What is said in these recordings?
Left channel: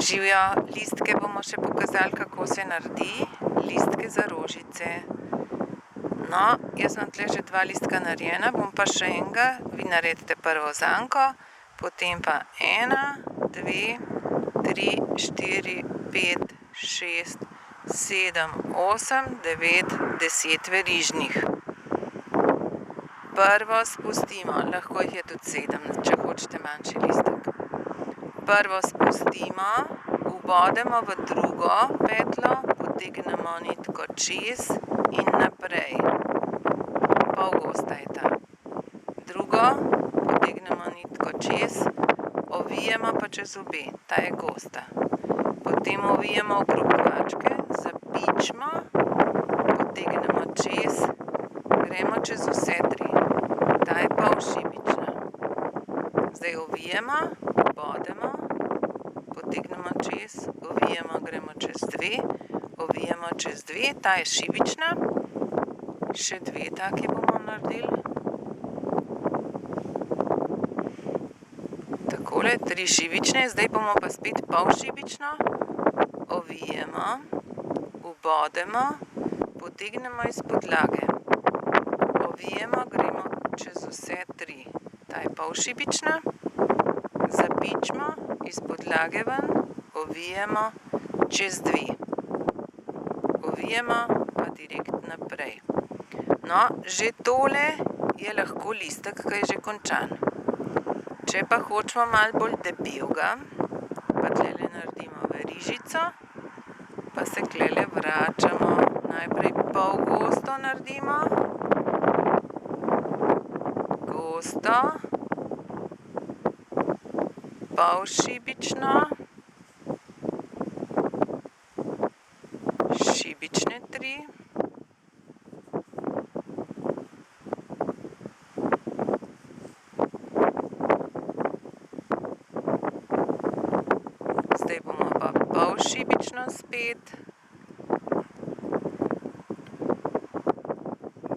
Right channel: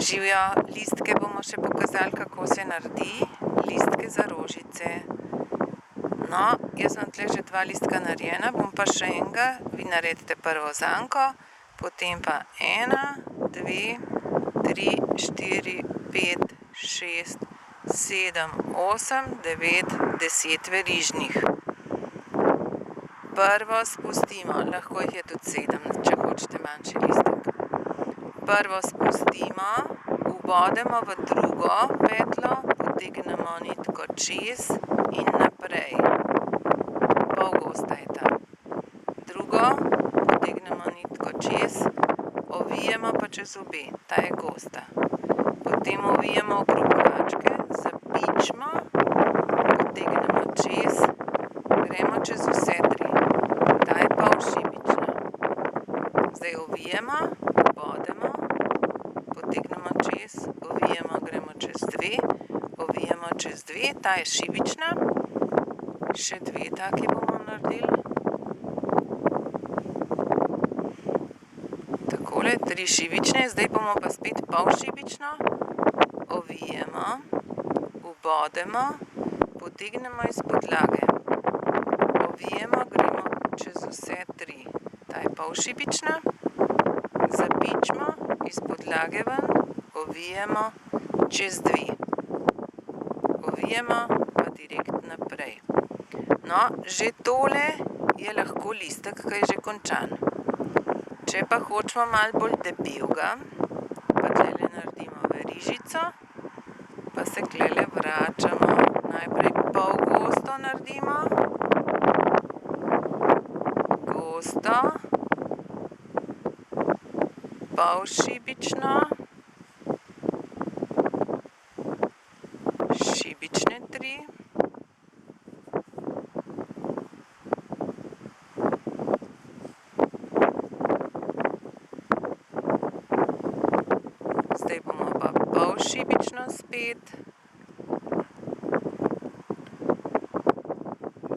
Živjo, listke bomo še pokazali, kako se naredi, listke za rožice. No, jaz imam tle že 2 listka narejena, bom pa še enega, vi naredite prvo zanko, potem pa 1, 2, 3, 4, 5, 6, 7, 8, 9, 10 verižnih. Prvo spustimo, lahko jih je tudi 7, če hočete manjši listek. Prvo spustimo, ubodemo v drugo petlo, potegnemo nitko čez in naprej. Pol gosta je ta. Drugo, potegnemo nitko čez, ovijemo pa čez obe, ta je gosta. Potem ovijemo okrog kvačke, zapičimo, potegnemo čez, gremo čez vse 3. Ta je pol šibična. Zdaj ovijemo, ubodemo, potegnemo čez, ovijemo, gremo čez 2, ovijemo čez 2, ta je šibična. Še 2 taki bomo naredili. Takole, 3 šibične, zdaj bomo pa spet pol šibično. Ovijemo, ubodemo, potegnemo iz podlage. Ovijemo, gremo čez vse 3. Ta je pol šibična. Zapičimo, iz podlage ven, ovijemo, čez 2. Ovijemo, pa direkt naprej. No, že tole je lahko listek, ki je že končan. Če pa hočemo malo bolj debelega, pa tlele naredimo verižico, pa se tlele vračamo. Najprej pol gosto naredimo, gosto, pol šibično, šibične 3, zdaj bomo pa pol šibično spet,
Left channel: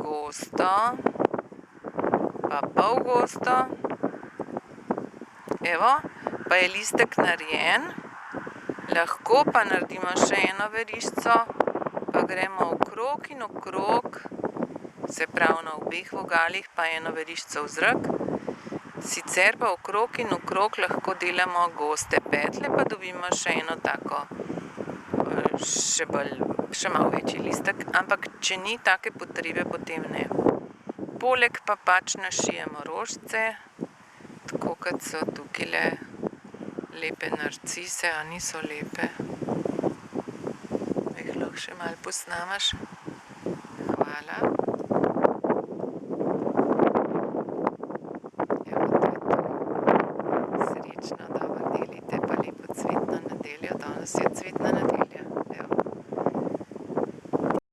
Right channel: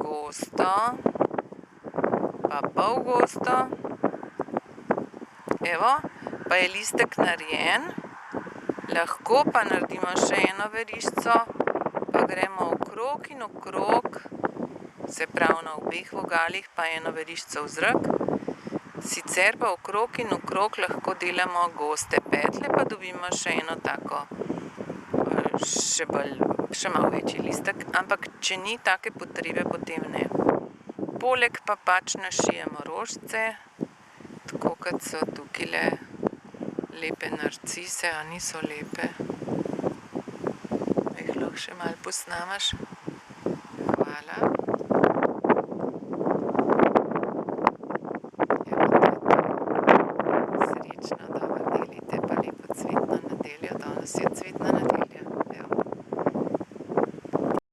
gosto, pa pol gosto. Evo, pa je listek narejen, lahko pa naredimo še eno verižico, pa gremo okrog in okrog, se pravi na obeh vogalih, pa eno verižico v zrak. Sicer pa okrog in okrog lahko delamo goste petle, pa dobimo še eno tako, še malo večji listek, ampak če ni take potrebe, potem ne. Poleg pa pač našijemo rožice, tako kot so tukajle lepe narcise, a niso lepe? Jih lahko še malo posnamaš? Hvala. Evo, to je to. Srečno, dobro delite, pa lepo cvetno nedeljo. Danes je cvetna nedelja.